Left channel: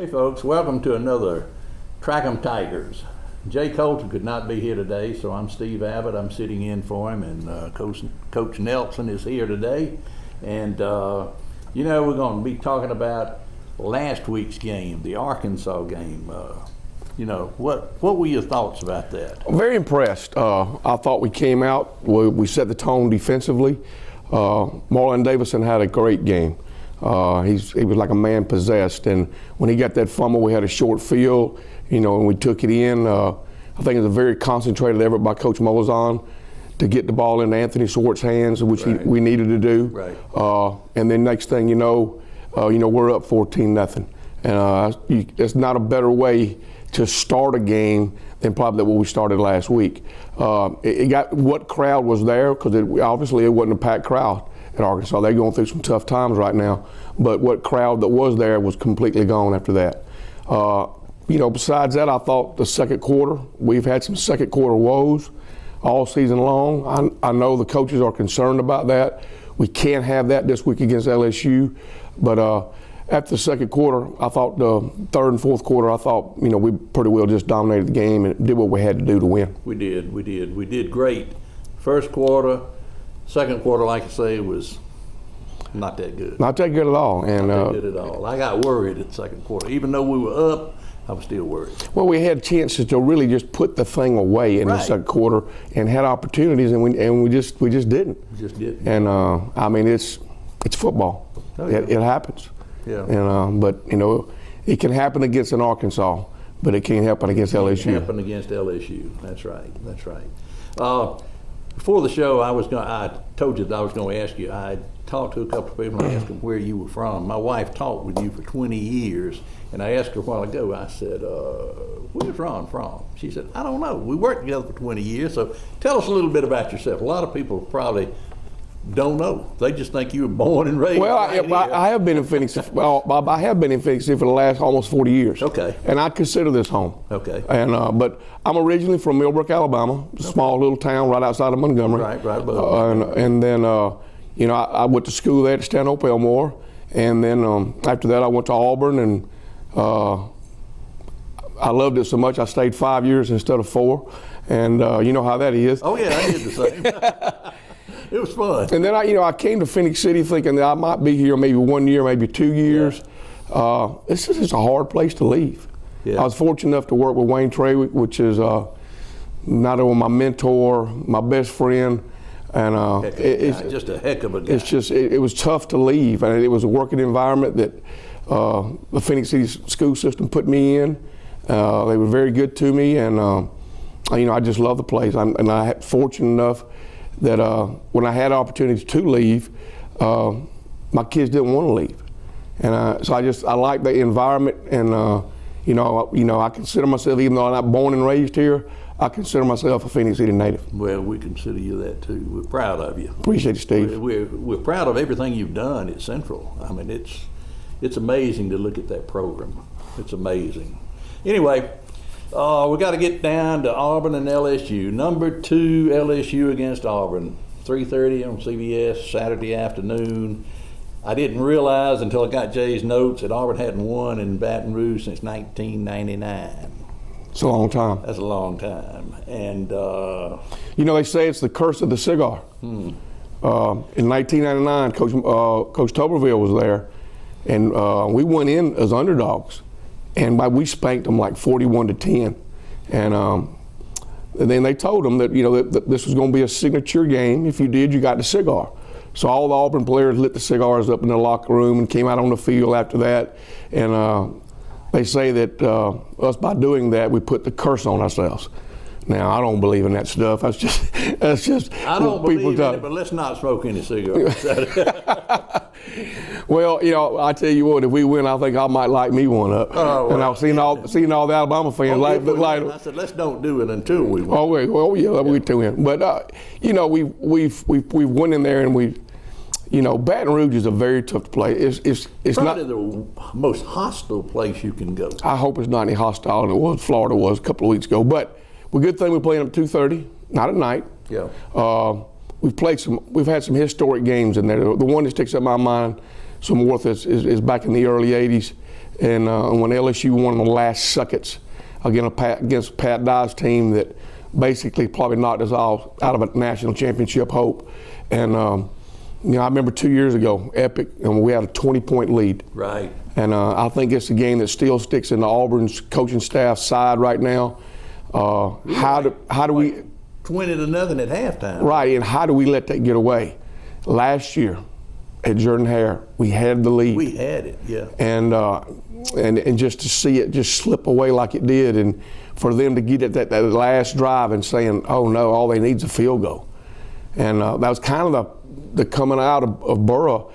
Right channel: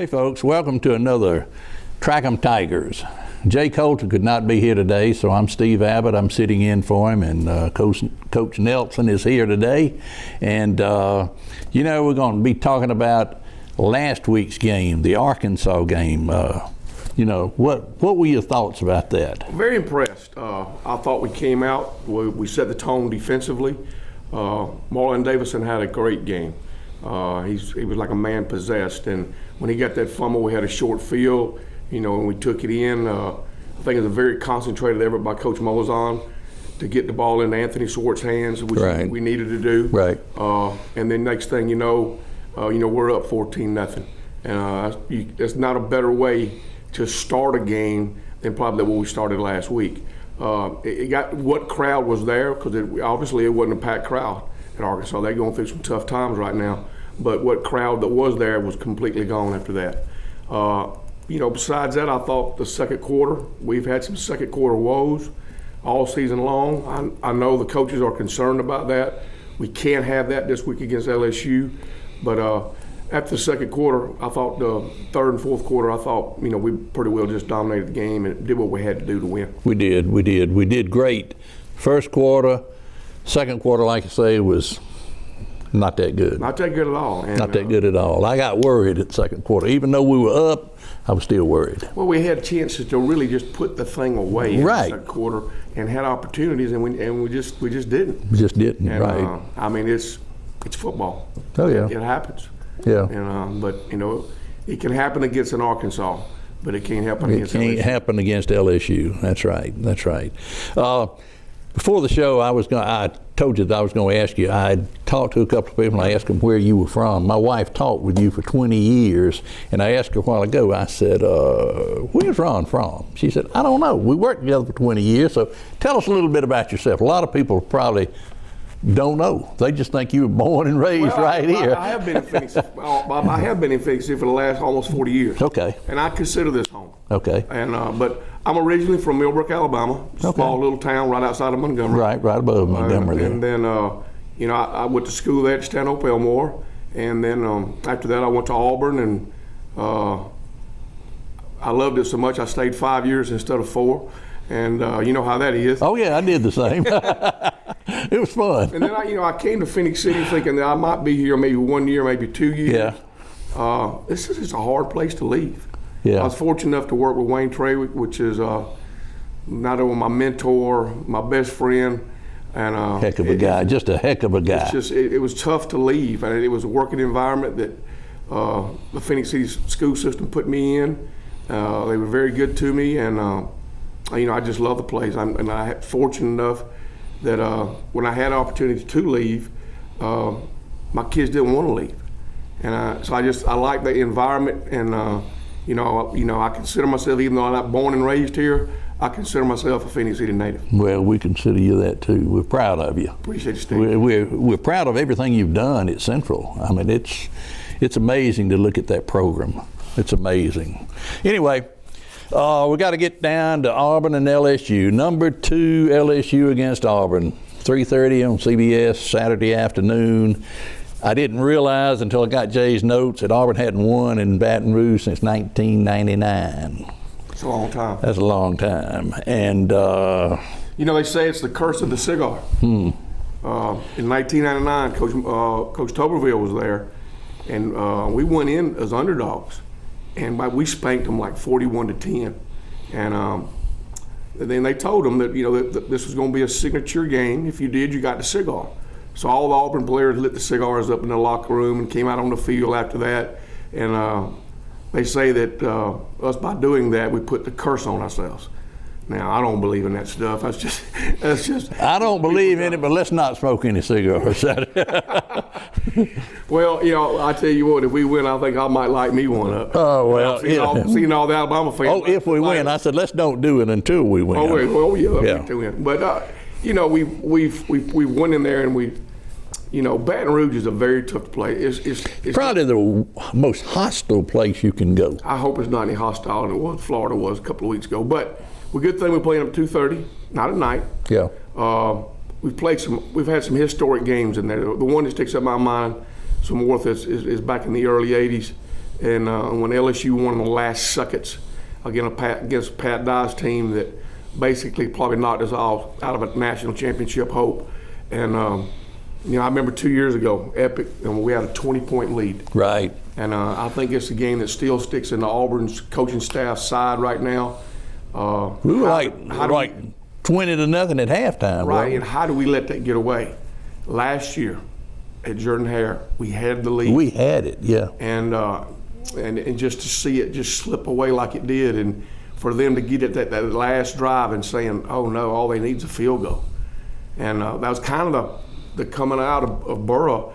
Hey folks, welcome to another Track 'em Tigers. Jay Coulter could not be here today, so I'm Steve Abbott. I'm sitting in for him, and Coach Nelson is here today. And we're going to be talking about last week's game, the Arkansas game. What were your thoughts about that? Very impressed. I thought we came out, we set the tone defensively. Marlon Davidson had a great game. He was like a man possessed, and when he got that fumble, we had a short field, and we took it in. I think it was a very concentrated effort by Coach Molazan to get the ball into Anthony Swartz's hands, which we needed to do. Right. And then next thing we're up 14-0, and there's not a better way to start a game than probably what we started last week. It got what crowd was there, because obviously it wasn't a packed crowd at Arkansas. They're going through some tough times right now, but what crowd that was there was completely gone after that. Besides that, I thought the second quarter, we've had some second quarter woes all season long. I know the coaches are concerned about that. We can't have that this week against LSU, but after the second quarter, I thought the third and fourth quarter, I thought, we pretty well just dominated the game and did what we had to do to win. We did great. First quarter, second quarter, like I say, was not that good. Not that good at all. Not that good at all. I got worried at the second quarter. Even though we were up, I was still worried. Well, we had chances to really just put the thing away in the second quarter and had opportunities, and we just didn't. We just didn't. And it's football. Oh yeah, it happens. Yeah. But it can happen against an Arkansas, but it can't happen against LSU. It can't happen against LSU. That's right. Before the show, I told you that I was going to ask you. I talked to a couple of people, and I asked them where you were from. My wife talked with you for 20 years, and I asked her a while ago, I said, where's Ron from? She said, I don't know. We worked together for 20 years, so tell us a little bit about yourself. A lot of people probably don't know. They just think you were born and raised right here. I have been in Phoenix. I have been in Phoenix for the last almost 40 years. Okay. And I consider this home. Okay. And but I'm originally from Millbrook, Alabama, small little town right outside of Montgomery. Right above Montgomery. And then, I went to school there at Stanhope Elmore, and then after that I went to Auburn, and I loved it so much I stayed 5 years instead of 4. And you know how that is. Oh yeah, I did the same. It was fun. And then I came to Phoenix City thinking that I might be here maybe 1 year, maybe 2 years. Yeah. This is just a hard place to leave. Yeah. I was fortunate enough to work with Wayne Trawick, which is not only my mentor, my best friend, and heck of a guy, just a heck of a guy. It's just it was tough to leave, and it was a working environment that the Phoenix City school system put me in. They were very good to me, and I just love the place. And I had fortunate enough that when I had opportunity to leave, my kids didn't want to leave, and so I like the environment, and I consider myself, even though I'm not born and raised here, I consider myself a Phoenix City native. Well, we consider you that too. We're proud of you. Appreciate it, Steve. We're proud of everything you've done at Central. I mean, it's amazing to look at that program. It's amazing. Anyway. We got to get down to Auburn and LSU. Number 2 LSU against Auburn, 3:30 on CBS Saturday afternoon. I didn't realize until I got Jay's notes that Auburn hadn't won in Baton Rouge since 1999. It's a long time. That's a long time. And they say it's the curse of the cigar. In 1999, Coach Tuberville was there, and we went in as underdogs. And we spanked them like 41-10, and then they told them that that this was going to be a signature game. If you did, you got the cigar. So all the Auburn players lit the cigars up in the locker room and came out on the field after that. And they say that us, by doing that, we put the curse on ourselves. Now, I don't believe in that stuff. That's just. I don't believe in it, but let's not smoke any cigarettes. Well, I tell you what, if we win, I think I might light me one up. Oh, well, seeing all the Alabama fans. If we win, I said, let's don't do it until we win. We do win. But, we've went in there, and Baton Rouge is a very tough place. It's probably the most hostile place you can go. I hope it's not any hostile. It was. Florida was a couple of weeks ago. But good thing we're playing at 2:30, not at night. Yeah. We've had some historic games in there. The one that sticks in my mind some more is back in the early 80s, And when LSU won the last seconds against Pat Dye's team that basically probably knocked us all out of a national championship hope. And I remember 2 years ago, epic, and we had a 20-point lead. Right. And I think it's a game that still sticks in the Auburn's coaching staff side right now. How do we 20-0 at halftime? Right, and how do we let that get away? Last year at Jordan-Hare, we had the lead. We had it, yeah. And just to see it just slip away like it did, and for them to get at that last drive and saying, oh no, all they need is a field goal. And that was kind of the coming out of Burrow.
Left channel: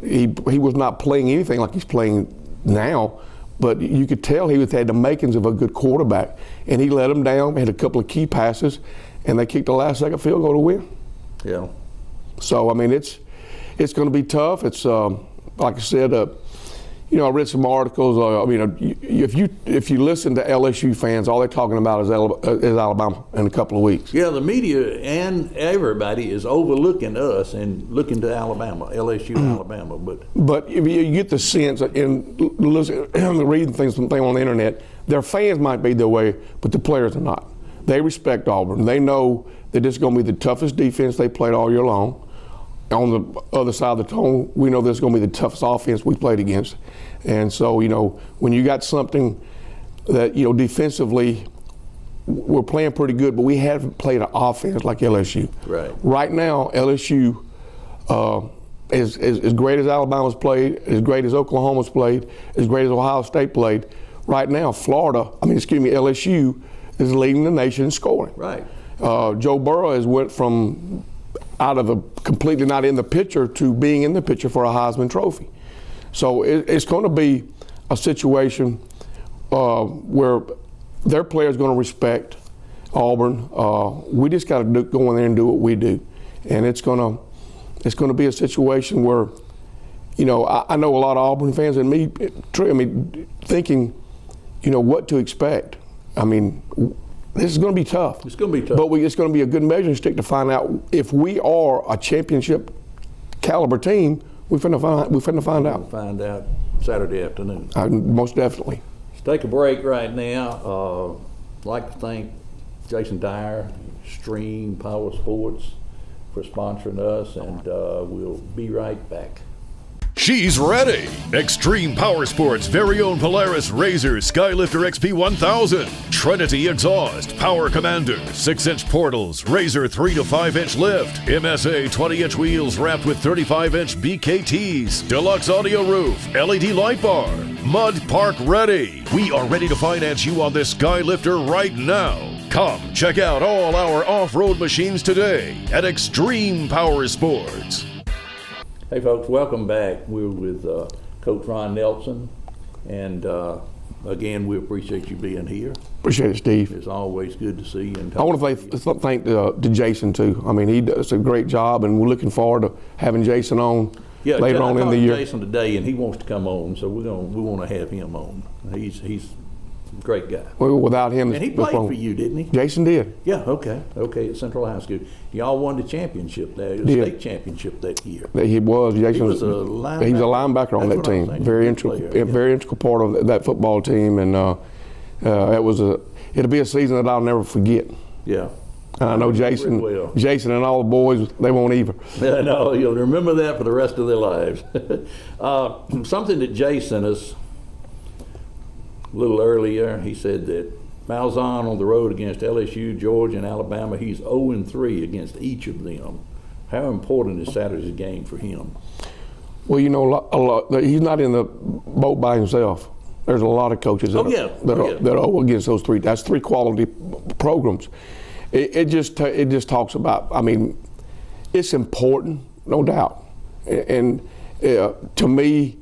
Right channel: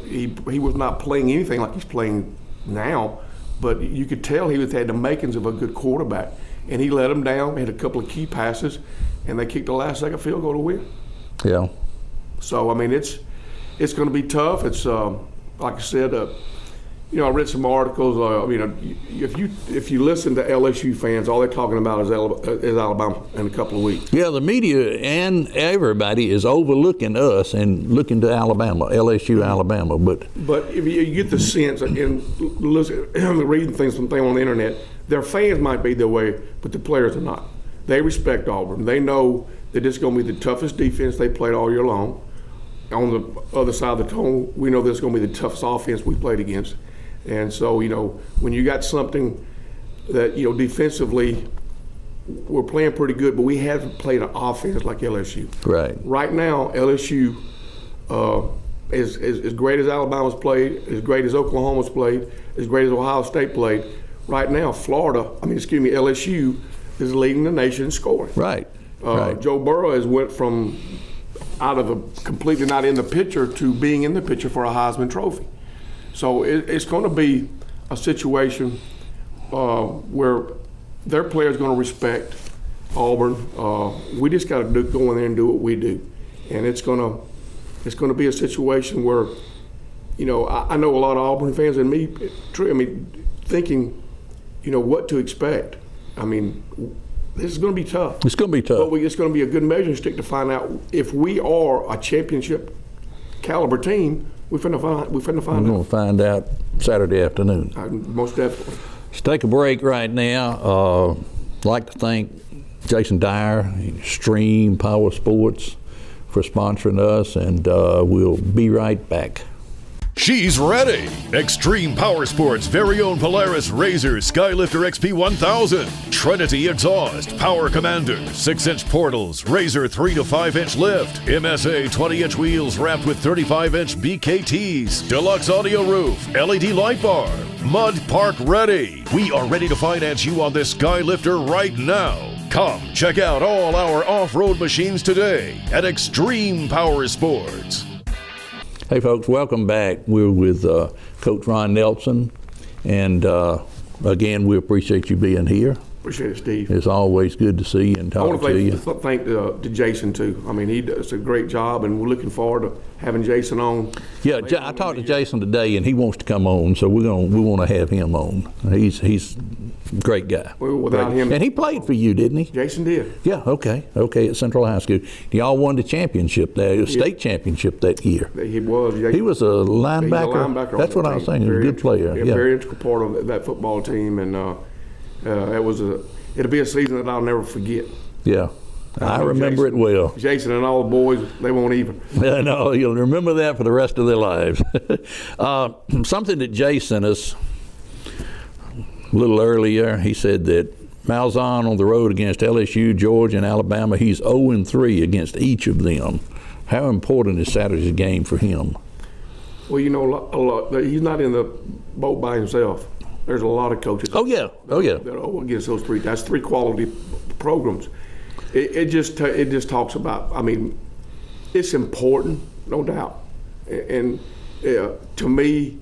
He was not playing anything like he's playing now, but you could tell he had the makings of a good quarterback. And he let them down, had a couple of key passes, and they kicked the last second field goal to win. Yeah. So, I mean, it's going to be tough. It's, like I said, I read some articles. If you listen to LSU fans, all they're talking about is Alabama in a couple of weeks. Yeah, the media and everybody is overlooking us and looking to Alabama, LSU, Alabama. But if you get the sense, and listen, reading things on the internet, their fans might be their way, but the players are not. They respect Auburn. They know that this is going to be the toughest defense they played all year long. On the other side of the tone, we know this is going to be the toughest offense we played against. And so, when you got something that, defensively, we're playing pretty good, but we haven't played an offense like LSU. Right. Right now, LSU, as great as Alabama's played, as great as Oklahoma's played, as great as Ohio State played, right now, LSU is leading the nation in scoring. Right. Joe Burrow has went from out of a completely not in the picture to being in the picture for a Heisman Trophy. So it's going to be a situation where their players are going to respect Auburn. We just got to go in there and do what we do, and it's going to be a situation where, I know a lot of Auburn fans and me, thinking, what to expect. I mean, this is going to be tough. It's going to be tough. But it's going to be a good measuring stick to find out if we are a championship caliber team. We're finna find out. We'll find out Saturday afternoon. Most definitely. Let's take a break right now. I'd like to thank Jason Dyer, Extreme Power Sports, for sponsoring us, and we'll be right back. She's ready! Extreme Power Sports' very own Polaris RZR Skylifter XP 1000, Trinity exhaust, Power Commander, 6-inch portals, RZR 3 to 5-inch lift, MSA 20-inch wheels wrapped with 35-inch BKTs, deluxe audio roof, LED light bar, Mud Park ready. We are ready to finance you on this Skylifter right now. Come check out all our off-road machines today at Extreme Power Sports. Hey folks, welcome back. We're with Coach Ron Nelson, and again, we appreciate you being here. Appreciate it, Steve. It's always good to see you and talk to you. I want to thank to Jason too. I mean, he does a great job, and we're looking forward to having Jason on later on in the year. I talked to Jason today, and he wants to come on, so we want to have him on. He's a great guy. Well, without him, and he played for you, didn't he? Jason did. Yeah. Okay. At Central High School, y'all won the championship there, the state championship that year. He was. Jason he was a linebacker. He's a linebacker on that team. That's what I was saying. Very player. Very integral part of that football team, and it'll be a season that I'll never forget. Yeah. I know remember Jason, it well. Jason and all the boys, they won't either. Yeah, no, you'll remember that for the rest of their lives. Something that Jay sent us a little earlier, he said that Malzahn on the road against LSU, Georgia, and Alabama, he's 0-3 against each of them. How important is Saturday's game for him? Well, he's not in the boat by himself. There's a lot of coaches that are against those three. That's three quality programs. It just talks about, I mean, it's important, no doubt. And to me,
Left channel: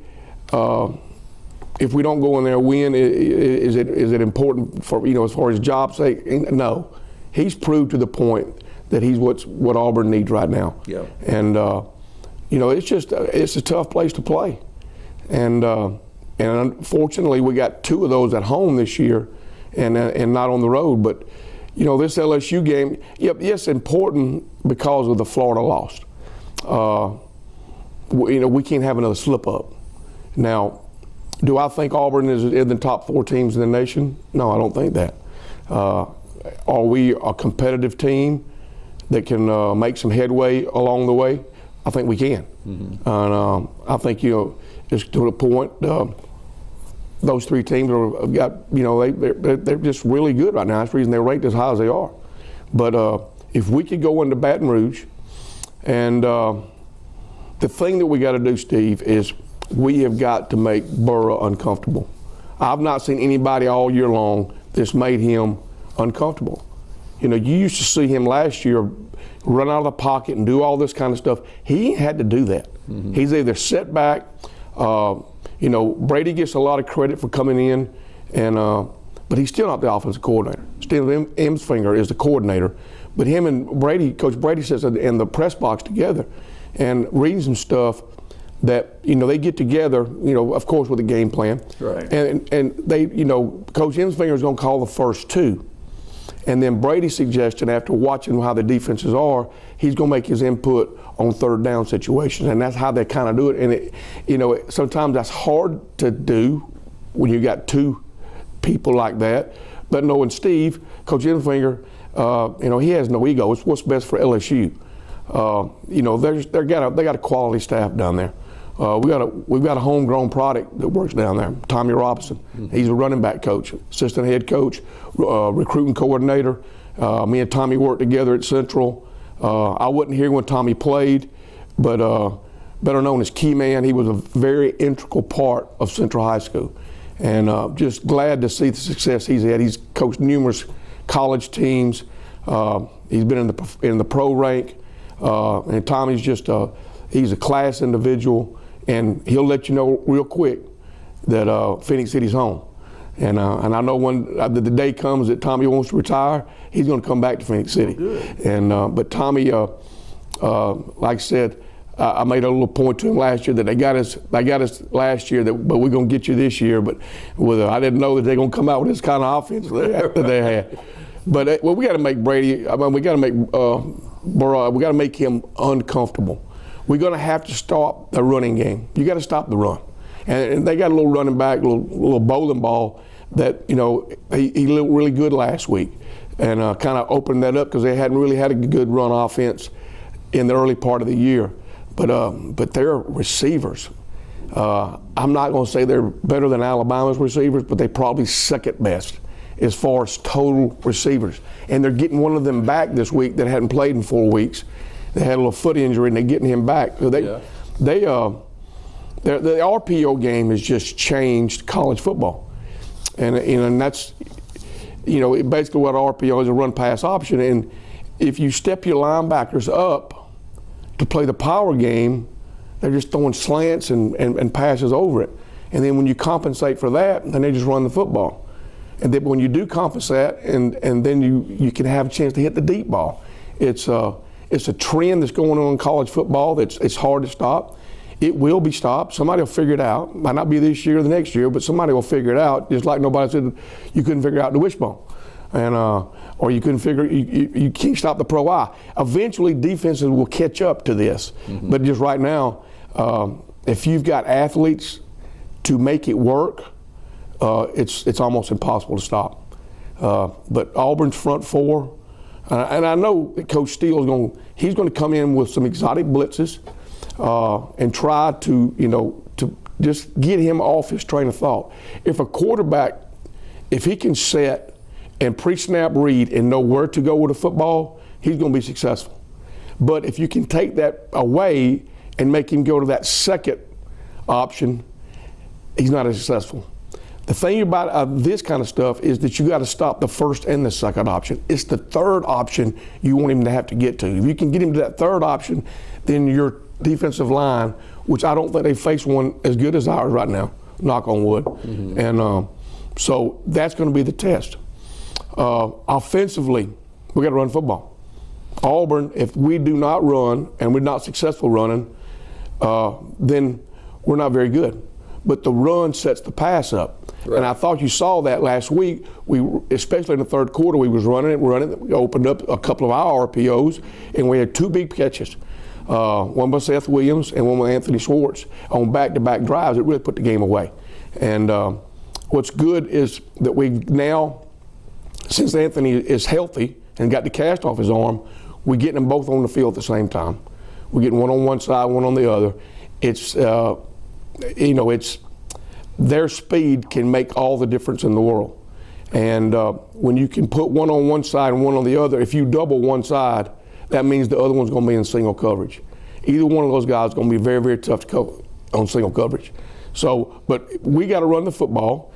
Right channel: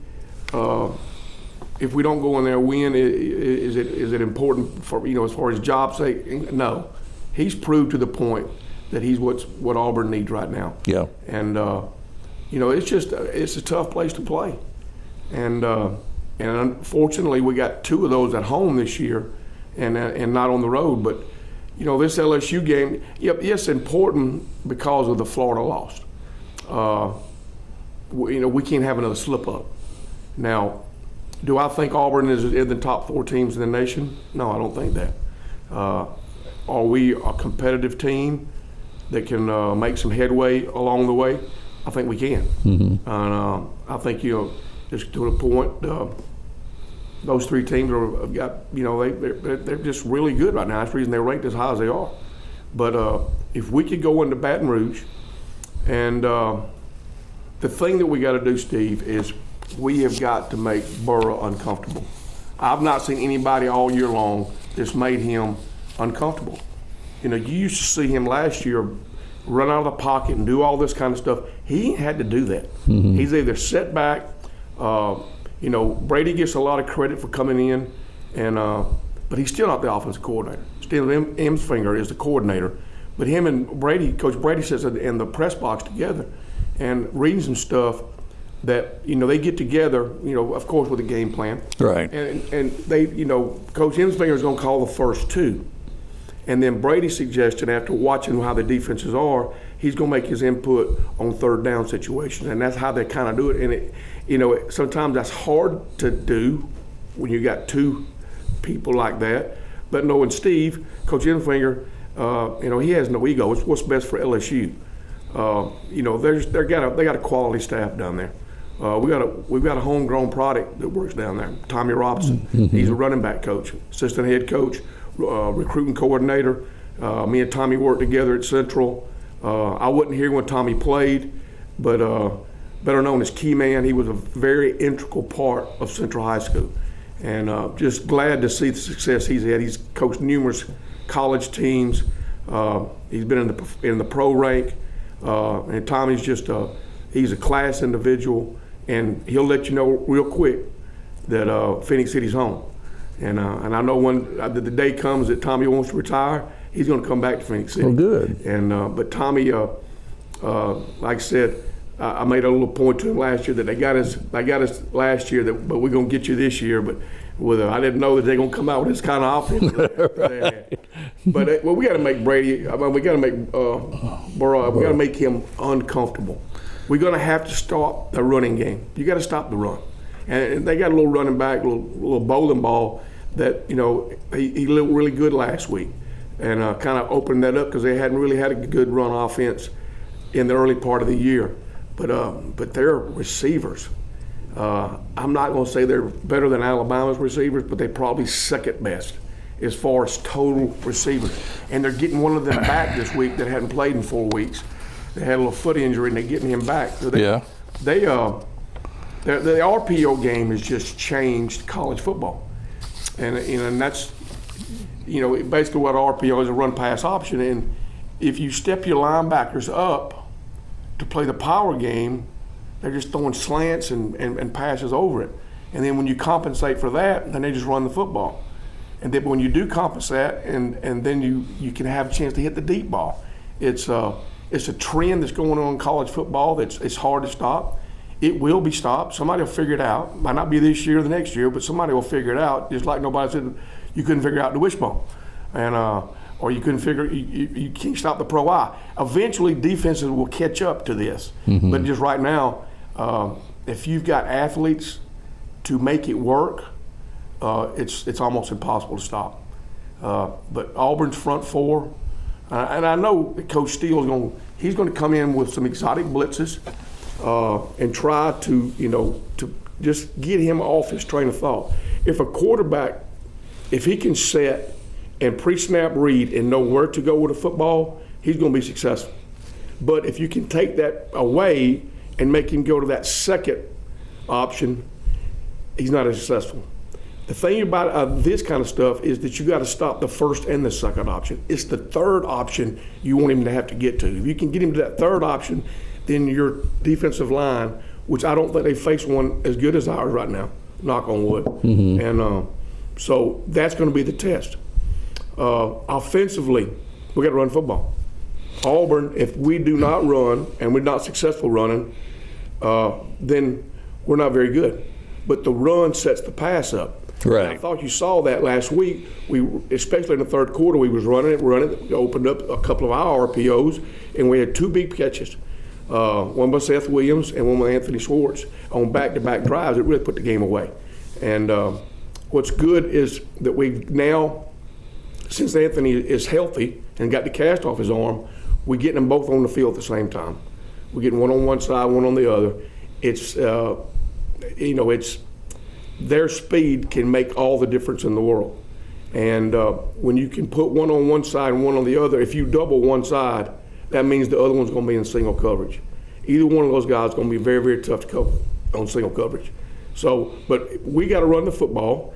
if we don't go in there and win, is it important for, as far as job's sake? No. He's proved to the point that he's what Auburn needs right now. Yeah. And it's a tough place to play. And unfortunately, we got two of those at home this year, and not on the road. But this LSU game, it's important because of the Florida loss. We can't have another slip up. Now, Do I think Auburn is in the top 4 teams in the nation? No, I don't think that. Are we a competitive team that can make some headway along the way? I think we can. And I think, just to the point, those 3 teams are they're just really good right now. That's the reason they're ranked as high as they are. But if we could go into Baton Rouge, and the thing that we got to do, Steve, is we have got to make Burrow uncomfortable. I've not seen anybody all year long that's made him uncomfortable. You used to see him last year run out of the pocket and do all this kind of stuff. He ain't had to do that. He's either set back. Brady gets a lot of credit for coming in, but he's still not the offensive coordinator. Steve Emsfinger is the coordinator, but him and Brady, Coach Brady sits in the press box together and reading some stuff that they get together, of course with a game plan. Right. And they, Coach Emsfinger is going to call the first 2. And then Brady's suggestion, after watching how the defenses are, he's going to make his input on 3rd down situations, and that's how they kind of do it. And sometimes that's hard to do when you got 2 people like that. But knowing Steve, Coach Emsfinger, he has no ego. It's what's best for LSU. They got a quality staff down there. We've got a homegrown product that works down there. Tommy Robinson, he's a running back coach, assistant head coach, recruiting coordinator. Me and Tommy worked together at Central. I wasn't here when Tommy played, but better known as Key Man, he was a very integral part of Central High School. And just glad to see the success he's had. He's coached numerous college teams. He's been in the pro rank. And Tommy's he's a class individual, and he'll let you know real quick that Phoenix City's home. And I know when the day comes that Tommy wants to retire, he's going to come back to Phoenix City. Well, good. And but Tommy, like I said, I made a little point to him last year that they got us last year, but we're going to get you this year. But I didn't know that they're going to come out with this kind of offense that they had. But we got to make Brady. We got to make Burrow. We got to make him uncomfortable. We're going to have to stop the running game. You got to stop the run. And they got a little running back, little bowling ball that he looked really good last week, and kind of opened that up because they hadn't really had a good run offense in the early part of the year. But their receivers, I'm not going to say they're better than Alabama's receivers, but they probably second best as far as total receivers. And they're getting one of them back this week that hadn't played in 4 weeks. They had a little foot injury, and they're getting him back. So the RPO game has just changed college football, and that's basically what RPO is, a run pass option. And if you step your linebackers up to play the power game, they're just throwing slants and passes over it. And then when you compensate for that, then they just run the football. And then when you do compensate, and then you can have a chance to hit the deep ball. It's a trend that's going on in college football it's hard to stop. It will be stopped. Somebody will figure it out. Might not be this year or the next year, but somebody will figure it out. Just like nobody said you couldn't figure out the wishbone, and or you couldn't figure you can't stop the pro eye. Eventually, defenses will catch up to this. But just right now, if you've got athletes to make it work, it's almost impossible to stop. But Auburn's front 4, and I know that Coach Steele he's going to come in with some exotic blitzes. And try to just get him off his train of thought. If a quarterback, if he can set and pre-snap read and know where to go with the football, he's going to be successful. But if you can take that away and make him go to that second option, he's not as successful. The thing about this kind of stuff is that you got to stop the first and the second option. It's the third option you want him to have to get to. If you can get him to that third option, then your defensive line, which I don't think they face one as good as ours right now, knock on wood. And so that's going to be the test. Offensively, we got to run football. Auburn, if we do not run and we're not successful running, then we're not very good. But the run sets the pass up. Right. And I thought you saw that last week. Especially in the third quarter, we was running. We opened up a couple of our RPOs, and we had 2 big catches. One by Seth Williams and one by Anthony Schwartz on back-to-back drives that really put the game away. And what's good is that we now, since Anthony is healthy and got the cast off his arm, we're getting them both on the field at the same time. We're getting one on one side, one on the other. It's, it's their speed can make all the difference in the world. And when you can put one on one side and one on the other, if you double one side, that means the other one's going to be in single coverage. Either one of those guys is going to be very, very tough to cover on single coverage. So, but we got to run the football.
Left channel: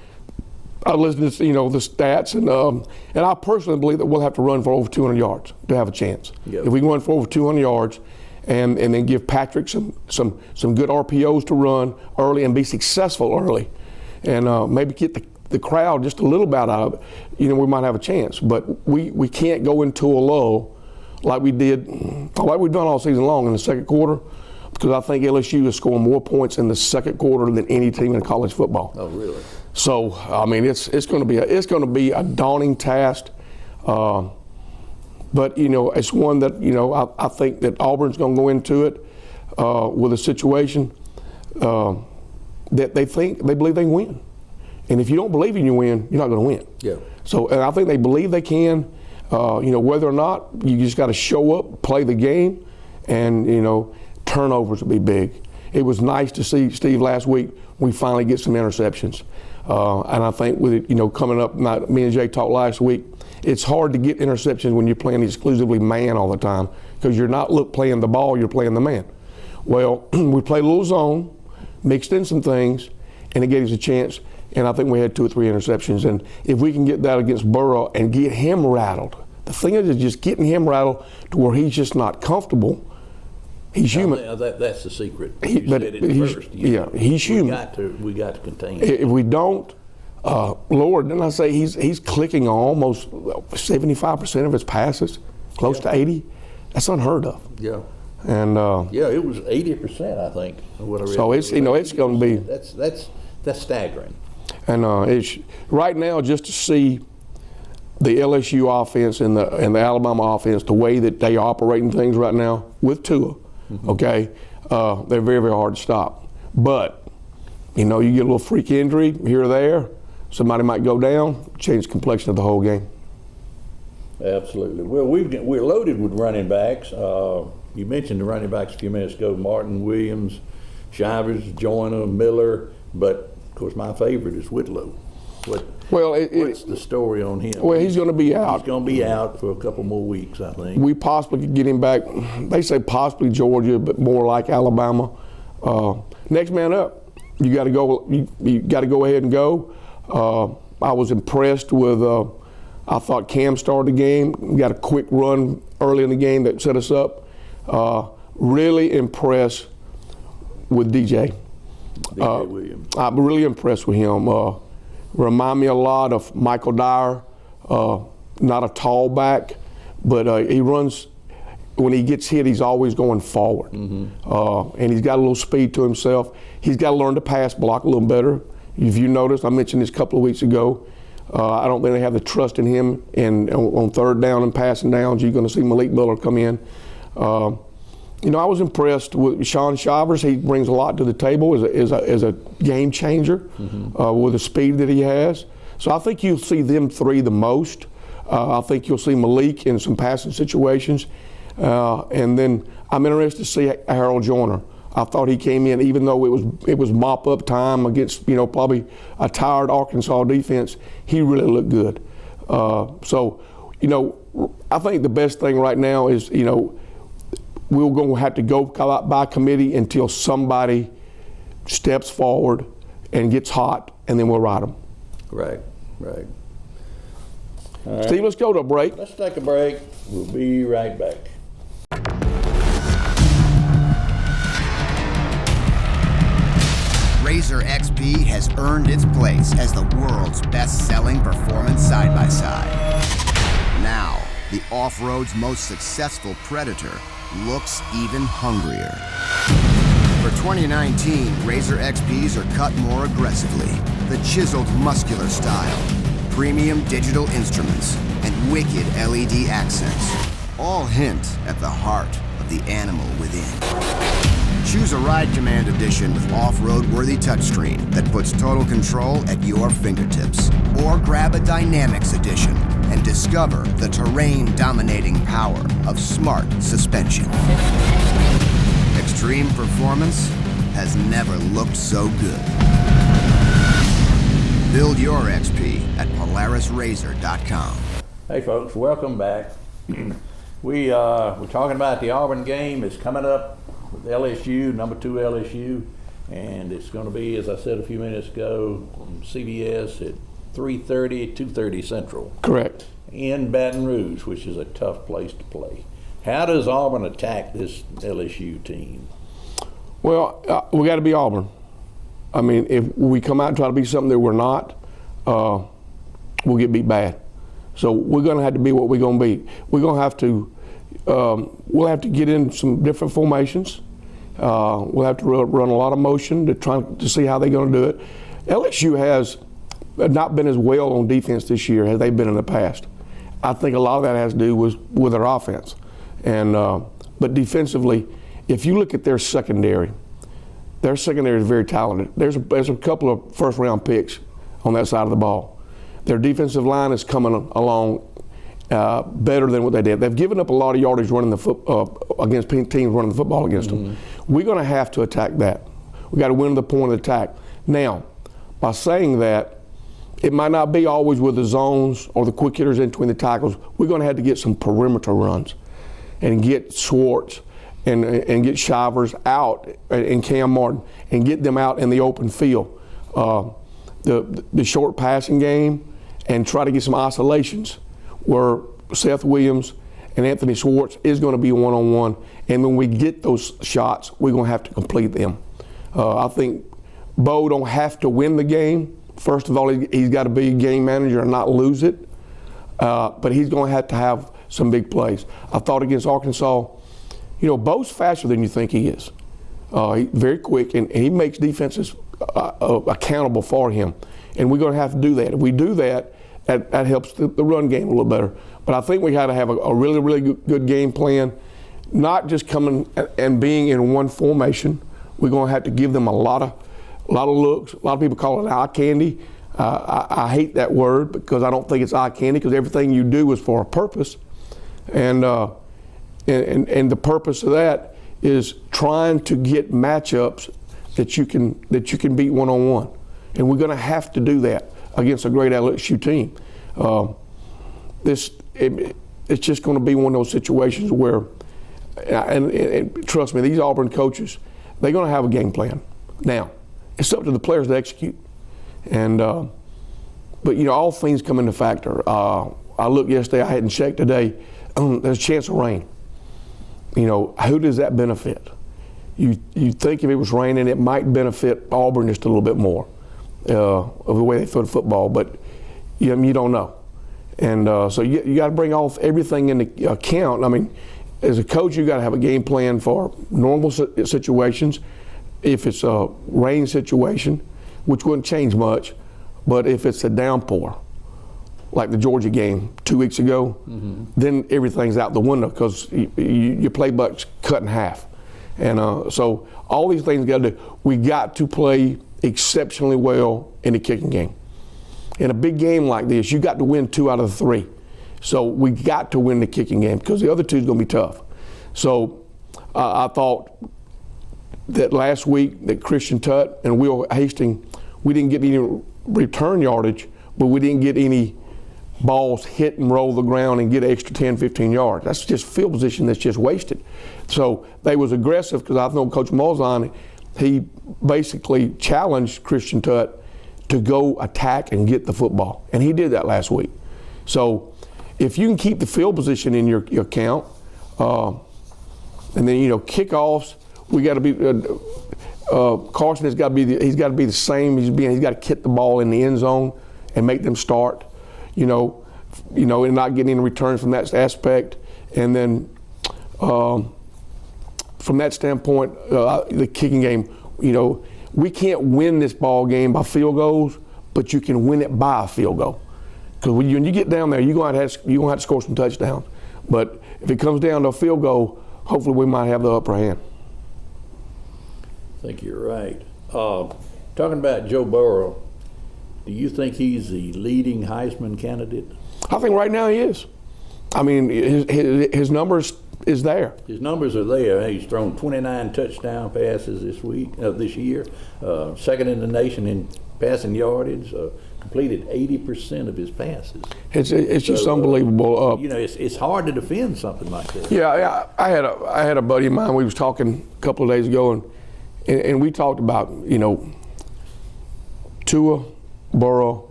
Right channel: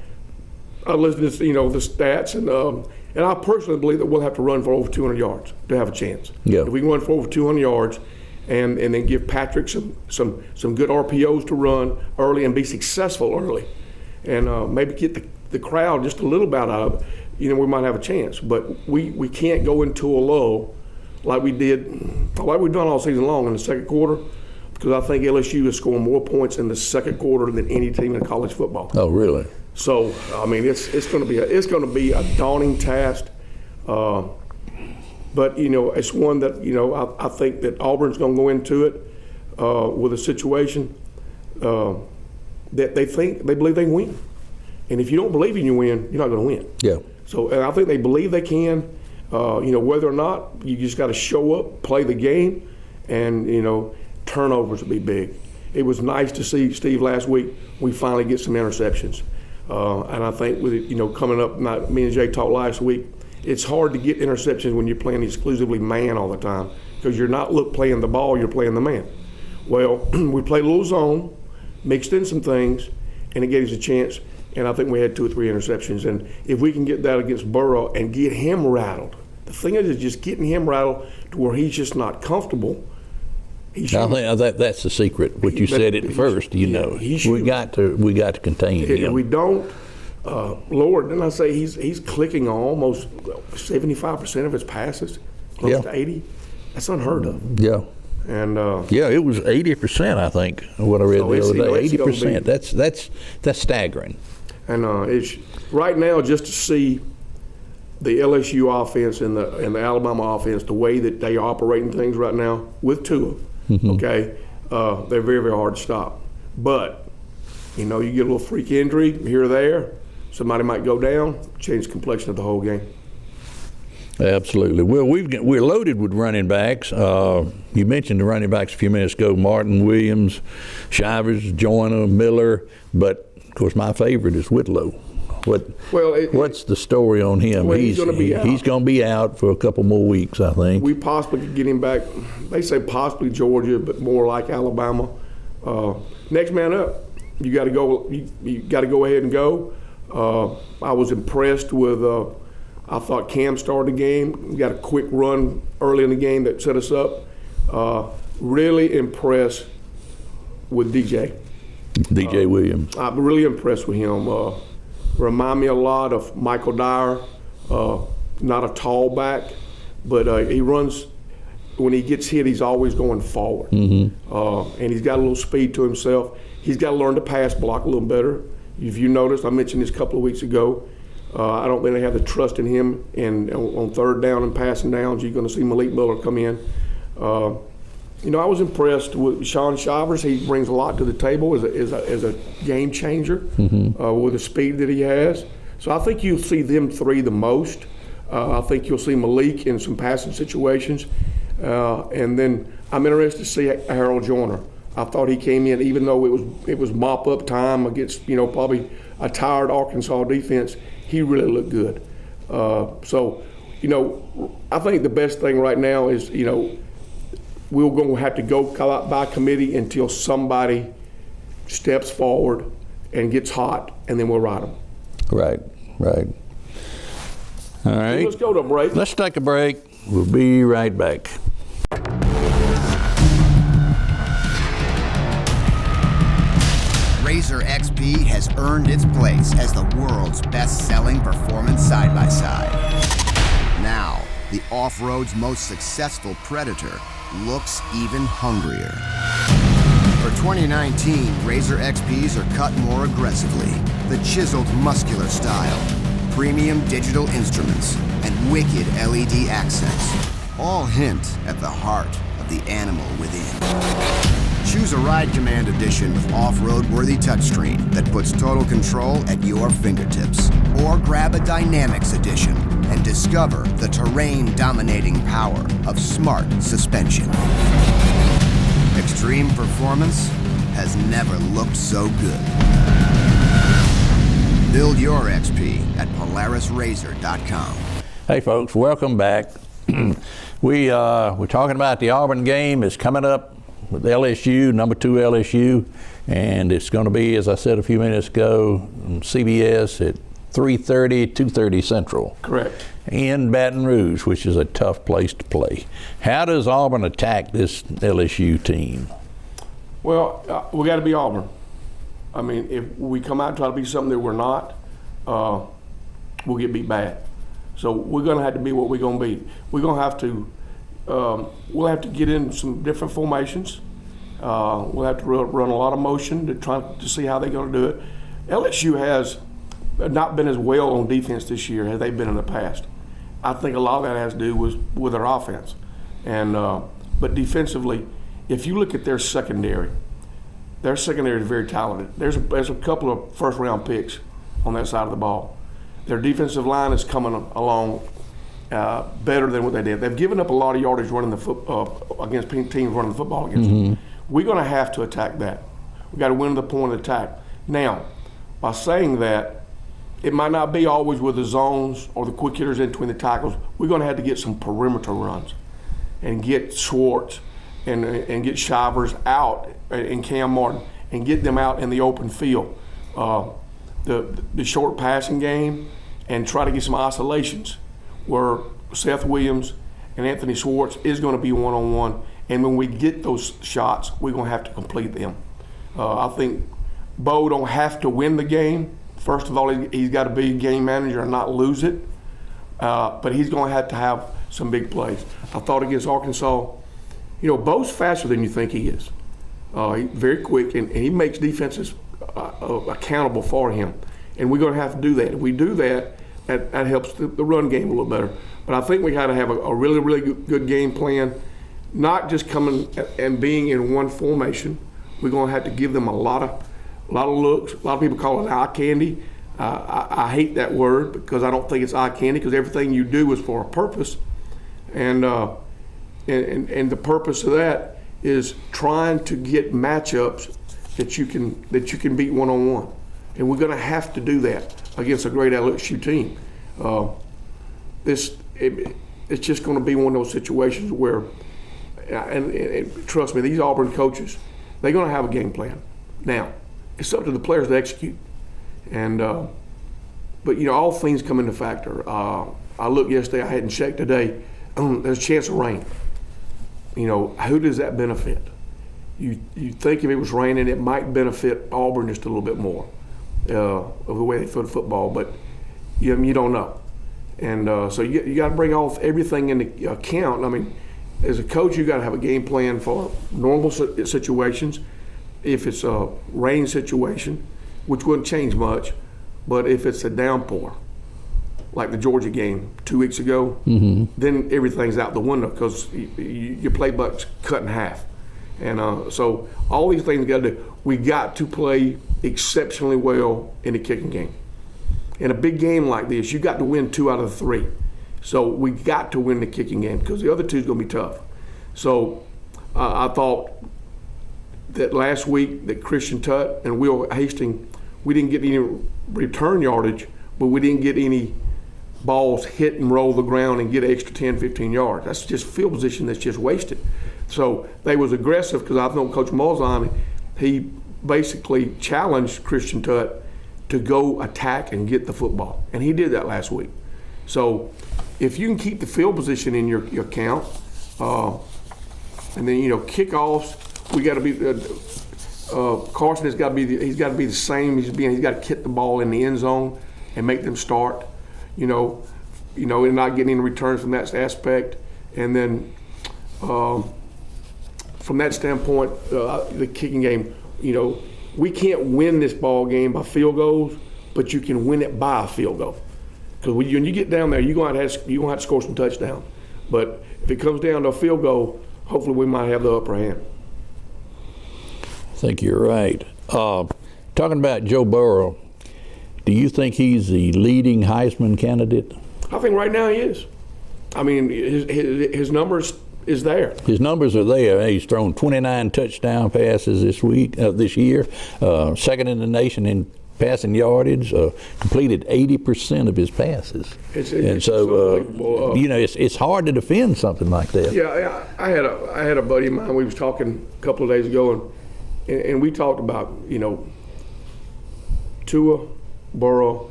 I listened to the stats, and I personally believe that we'll have to run for over 200 yards to have a chance. Yeah. If we can run for over 200 yards, and then give Patrick some good RPOs to run early and be successful early, and maybe get the crowd just a little bit out of it, we might have a chance. But we can't go into a lull like we've done all season long in the second quarter, because I think LSU is scoring more points in the second quarter than any team in college football. Oh, really? So I mean, it's going to be a daunting task, but it's one that I think that Auburn's going to go into it with a situation that they believe they can win, and if you don't believe in you win, you're not going to win. Yeah. So and I think they believe they can. Whether or not, you just got to show up, play the game, and turnovers will be big. It was nice to see, Steve, last week we finally get some interceptions. And I think with coming up, me and Jay talked last week, it's hard to get interceptions when you're playing exclusively man all the time, because you're not playing the ball, you're playing the man. Well, we played a little zone, mixed in some things, and it gave us a chance. And I think we had 2 or 3 interceptions. And if we can get that against Burrow and get him rattled, the thing is just getting him rattled to where he's just not comfortable. He's human. That's the secret. What you said at first, he's we human. we got to contain him. If we don't, Lord, didn't I say he's clicking on almost 75% of his passes, close to 80? That's unheard of. Yeah. And it was 80%, I think. What I read. So it's, 80%. That's staggering. And it's right now, just to see the LSU offense and the Alabama offense, the way that they are operating things right now with Tua, okay, they're very, very hard to stop. But you get a little freak injury here or there, somebody might go down, change the complexion of the whole game. Absolutely. Well, we're loaded with running backs. You mentioned the running backs a few minutes ago: Martin, Williams, Shivers, Joyner, Miller. But of course, my favorite is Whitlow. What's the story on him? Well, he's going to be out. He's going to be out for a couple more weeks, I think. We possibly could get him back. They say possibly Georgia, but more like Alabama. Next man up. You got to go. You got to go ahead and go. I was impressed with. I thought Cam started the game. We got a quick run early in the game that set us up. Really impressed with DJ. DJ Williams. I'm really impressed with him. Remind me a lot of Michael Dyer. Not a tall back, but he runs. When he gets hit, he's always going forward. And he's got a little speed to himself. He's got to learn to pass block a little better. If you noticed, I mentioned this a couple of weeks ago. I don't think they have the trust in him on third down and passing downs. You're going to see Malik Miller come in. I was impressed with Sean Shivers. He brings a lot to the table as a game changer with the speed that he has. So I think you'll see them three the most. I think you'll see Malik in some passing situations. And then I'm interested to see Harold Joyner. I thought he came in, even though it was mop-up time against probably a tired Arkansas defense, he really looked good. So I think the best thing right now is, we're going to have to go out by committee until somebody steps forward and gets hot, and then we'll ride them. Right. All right. Steve, let's go to a break. Let's take a break. We'll be right back. Razor XP has earned its place as the world's best-selling performance side-by-side. Now, the off-road's most successful Predator looks even hungrier. For 2019, Razor XPs are cut more aggressively. The chiseled muscular style, premium digital instruments, and wicked LED accents all hint at the heart of the animal within. Choose a Ride Command edition with off-road worthy touchscreen that puts total control at your fingertips. Or grab a Dynamics edition and discover the terrain-dominating power of smart suspension. Extreme performance has never looked so good. Build your XP at PolarisRazor.com. Hey folks, welcome back. We're talking about the Auburn game. It's coming up with LSU, number 2 LSU, and it's going to be, as I said a few minutes ago, on CBS at 3:30, 2:30 Central. Correct. In Baton Rouge, which is a tough place to play. How does Auburn attack this LSU team? Well, we got to be Auburn. I mean, if we come out and try to be something that we're not, we'll get beat bad. So we're going to have to be what we're going to be. We're going to have to, we'll have to get in some different formations. We'll have to run a lot of motion to try to see how they're going to do it. LSU has not been as well on defense this year as they've been in the past. I think a lot of that has to do with their offense. And but defensively, if you look at their secondary is very talented. There's a couple of first-round picks on that side of the ball. Their defensive line is coming along better than what they did. They've given up a lot of yardage running against teams running the football against them. We're going to have to attack that. We got to win the point of attack. Now, by saying that, it might not be always with the zones or the quick hitters in between the tackles. We're going to have to get some perimeter runs and get Schwartz and get Shivers out and Cam Martin and get them out in the open field. The short passing game and try to get some oscillations where Seth Williams and Anthony Schwartz is going to be one-on-one. And when we get those shots, we're going to have to complete them. I think Bo don't have to win the game. First of all, he's got to be a game manager and not lose it. But he's going to have some big plays. I thought against Arkansas, Bo's faster than you think he is. He's very quick, and he makes defenses accountable for him. And we're going to have to do that. If we do that, that helps the run game a little better. But I think we got to have a really, really good game plan, not just coming and being in one formation. We're going to have to give them a lot of looks. A lot of people call it eye candy. I hate that word because I don't think it's eye candy, because everything you do is for a purpose. And the purpose of that is trying to get matchups that you can beat one-on-one. And we're going to have to do that against a great LSU team. It's just going to be one of those situations where, and trust me, these Auburn coaches, they're going to have a game plan. Now, it's up to the players to execute. And but all things come into factor. I looked yesterday, I hadn't checked today. There's a chance of rain. Who does that benefit? You think if it was raining, it might benefit Auburn just a little bit more of the way they throw the football, but you don't know. And so you got to bring everything into account. I mean, as a coach, you got to have a game plan for normal situations. If it's a rain situation, which wouldn't change much, but if it's a downpour, like the Georgia game 2 weeks ago, then everything's out the window because your playbook's cut in half. And so all these things got to do. We got to play exceptionally well in the kicking game. In a big game like this, you got to win 2 out of the 3. So we got to win the kicking game because the other 2 is going to be tough. So I thought that last week that Christian Tutt and Will Hastings, we didn't get any return yardage, but we didn't get any balls hit and roll the ground and get extra 10, 15 yards. That's just field position that's just wasted. So they was aggressive because I know Coach Malzahn, he basically challenged Christian Tutt to go attack and get the football. And he did that last week. So if you can keep the field position in your count, and then kickoffs, we got to be Carson has got to be he's got to be the same he's got to kick the ball in the end zone and make them start, and not getting any returns from that aspect. And then from that standpoint, the kicking game, we can't win this ball game by field goals, but you can win it by a field goal. Because when you get down there, you're going to have to score some touchdowns. But if it comes down to a field goal, hopefully we might have the upper hand. think you're right. Talking about Joe Burrow, do you think he's the leading Heisman candidate? I think right now he is. I mean, his numbers is there. His numbers are there. He's thrown 29 touchdown passes this year, second in the nation in passing yardage, completed 80% of his passes. It's just unbelievable. You know, it's hard to defend something like that. Yeah, I had a buddy of mine. We was talking a couple of days ago, and we talked about, you know, Tua, Burrow,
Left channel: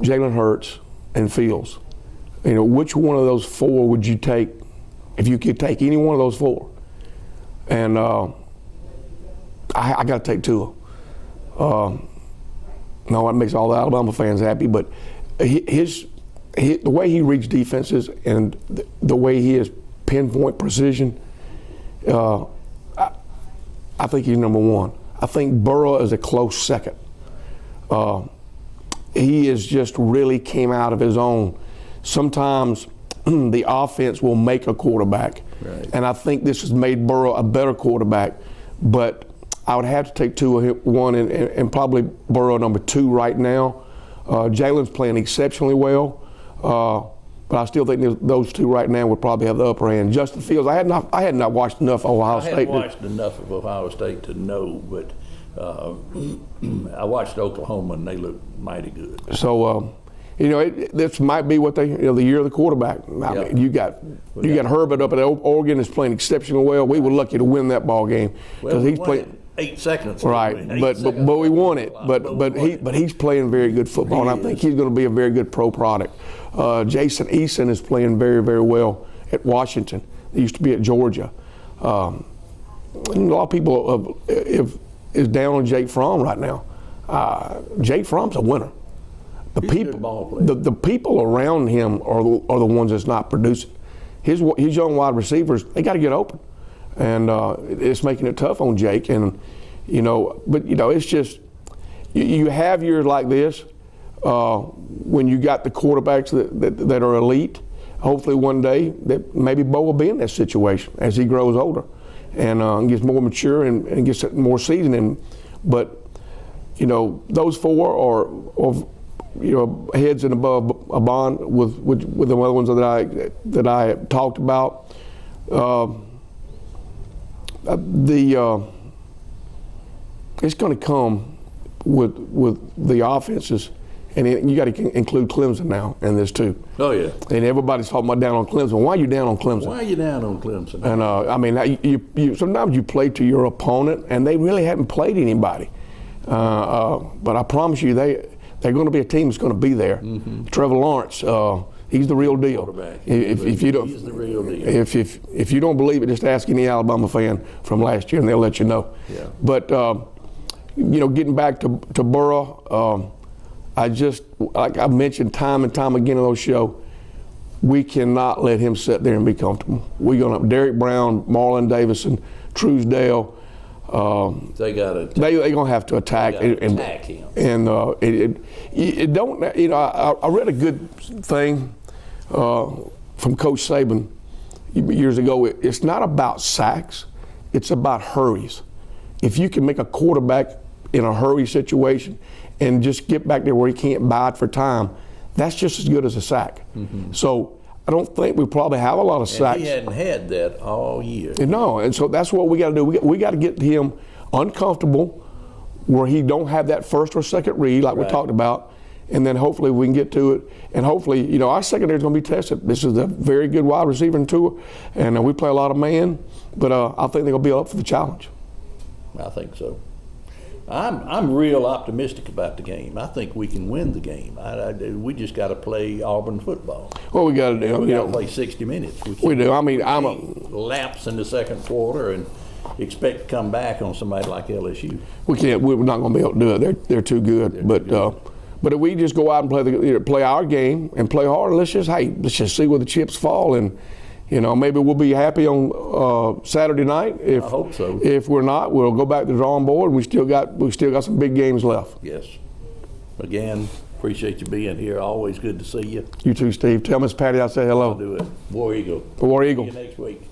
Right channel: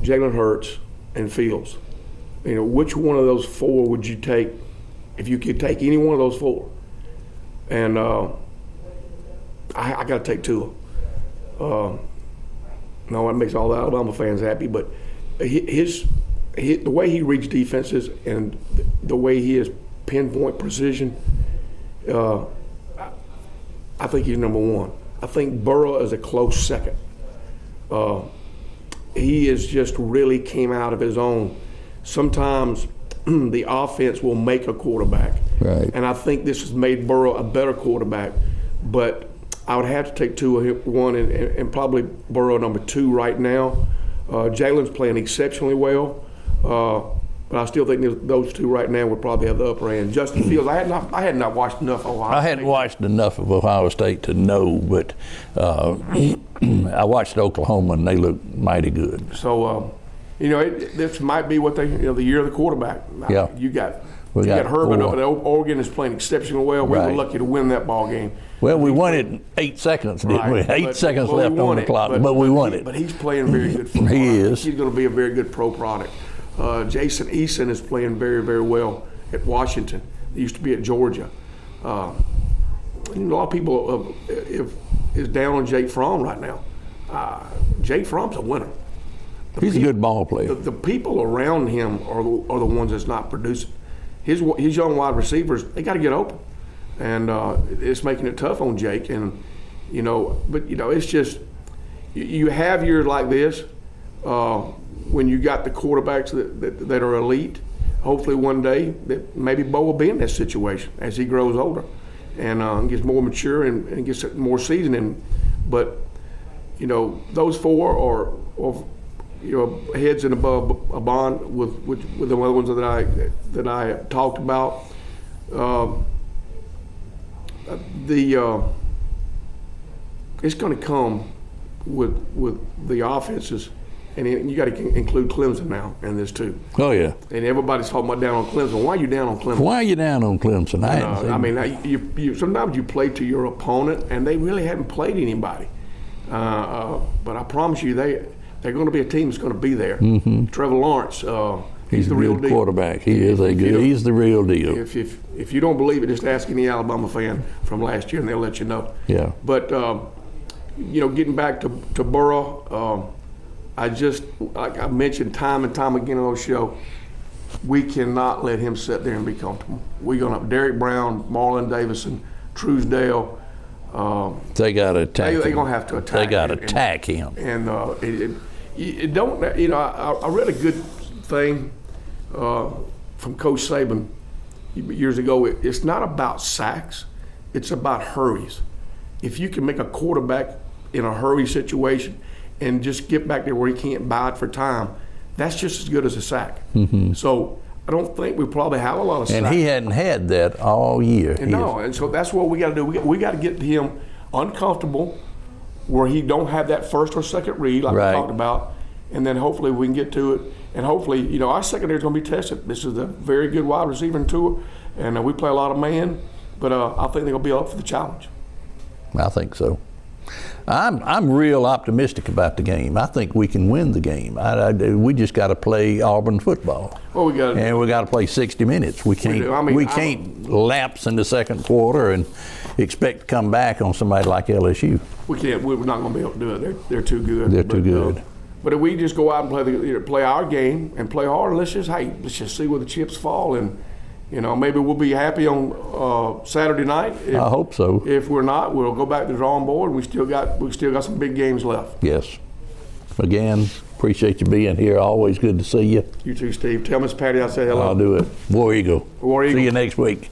Jalen Hurts, and Fields. You know, which one of those four would you take if you could take any one of those four? And I got to take Tua. No, it makes all the Alabama fans happy, but the way he reads defenses and the way he has pinpoint precision, I think he's number one. I think Burrow is a close second. He has just really came out of his own. Sometimes the offense will make a quarterback, right. And I think this has made Burrow a better quarterback, but I would have to take Tua one and probably Burrow number two right now. Jalen's playing exceptionally well, but I still think those two right now would probably have the upper hand. Justin Fields, I had not watched enough Ohio State. I hadn't watched enough of Ohio State to know, but I watched Oklahoma and they looked mighty good. So, you know, this might be what the year of the quarterback. I mean, you got Herbert up at Oregon is playing exceptionally well. We were lucky to win that ball game. Well, we won it in 8 seconds. Right, Didn't we? 8 seconds but left we won on the it. clock. But we won it. But he's playing very good football. I think he's going to be a very good pro product. Jason Eason is playing very, very well at Washington. He used to be at Georgia. A lot of people is down on Jake Fromm right now. Jake Fromm's a winner. He's a good ball player. The people around him are the ones that's not producing. His young wide receivers, they got to get open, and it's making it tough on Jake. And but it's just you have years like this when you got the quarterbacks that are elite. Hopefully one day that maybe Bo will be in that situation as he grows older and gets more mature and gets more seasoned. But those four are heads and above a bond with the other ones that I talked about. It's going to come with the offenses, and you got to include Clemson now in this too. Oh yeah. And everybody's talking about down on Clemson. Why are you down on Clemson? Why are you down on Clemson? I mean, you sometimes you play to your opponent, and they really haven't played anybody. But I promise you, they're going to be a team that's going to be there. Mm-hmm. Trevor Lawrence, he's the real deal. Quarterback. He's the real deal. If you don't believe it, just ask any Alabama fan from last year, and they'll let you know. Yeah. But getting back to Burrow, like I mentioned time and time again on those shows, we cannot let him sit there and be comfortable. We're going to have Derek Brown, Marlon Davison, Truesdale. They got to attack. They're going to have to attack. They got to attack him. And it don't. I read a good thing from Coach Saban years ago. It's not about sacks. It's about hurries. If you can make a quarterback in a hurry situation and just get back there where he can't bide for time, that's just as good as a sack. Mm-hmm. So I don't think we probably have a lot of sacks. And he hadn't had that all year. No, and so that's what we got to do. We got to get him uncomfortable where he don't have that first or second read like we talked about, and then hopefully we can get to it. And hopefully, our secondary is going to be tested. This is a very good wide receiver in Tua, and we play a lot of man, but I think they're going to be up for the challenge. I think so. I'm real optimistic about the game. I think we can win the game. We just got to play Auburn football. Well, we got to play 60 minutes. We can't lapse in the second quarter and expect to come back on somebody like LSU. We can't. We're not going to be able to do it. They're too good. They're too good. But if we just go out and play our game and play hard, let's just see where the chips fall, and maybe we'll be happy on Saturday night. I hope so. If we're not, we'll go back to the drawing board. We still got some big games left. Yes. Again, appreciate you being here. Always good to see you. You too, Steve. Tell Miss Patty I say hello. I'll do it. War Eagle. War Eagle. See you next week.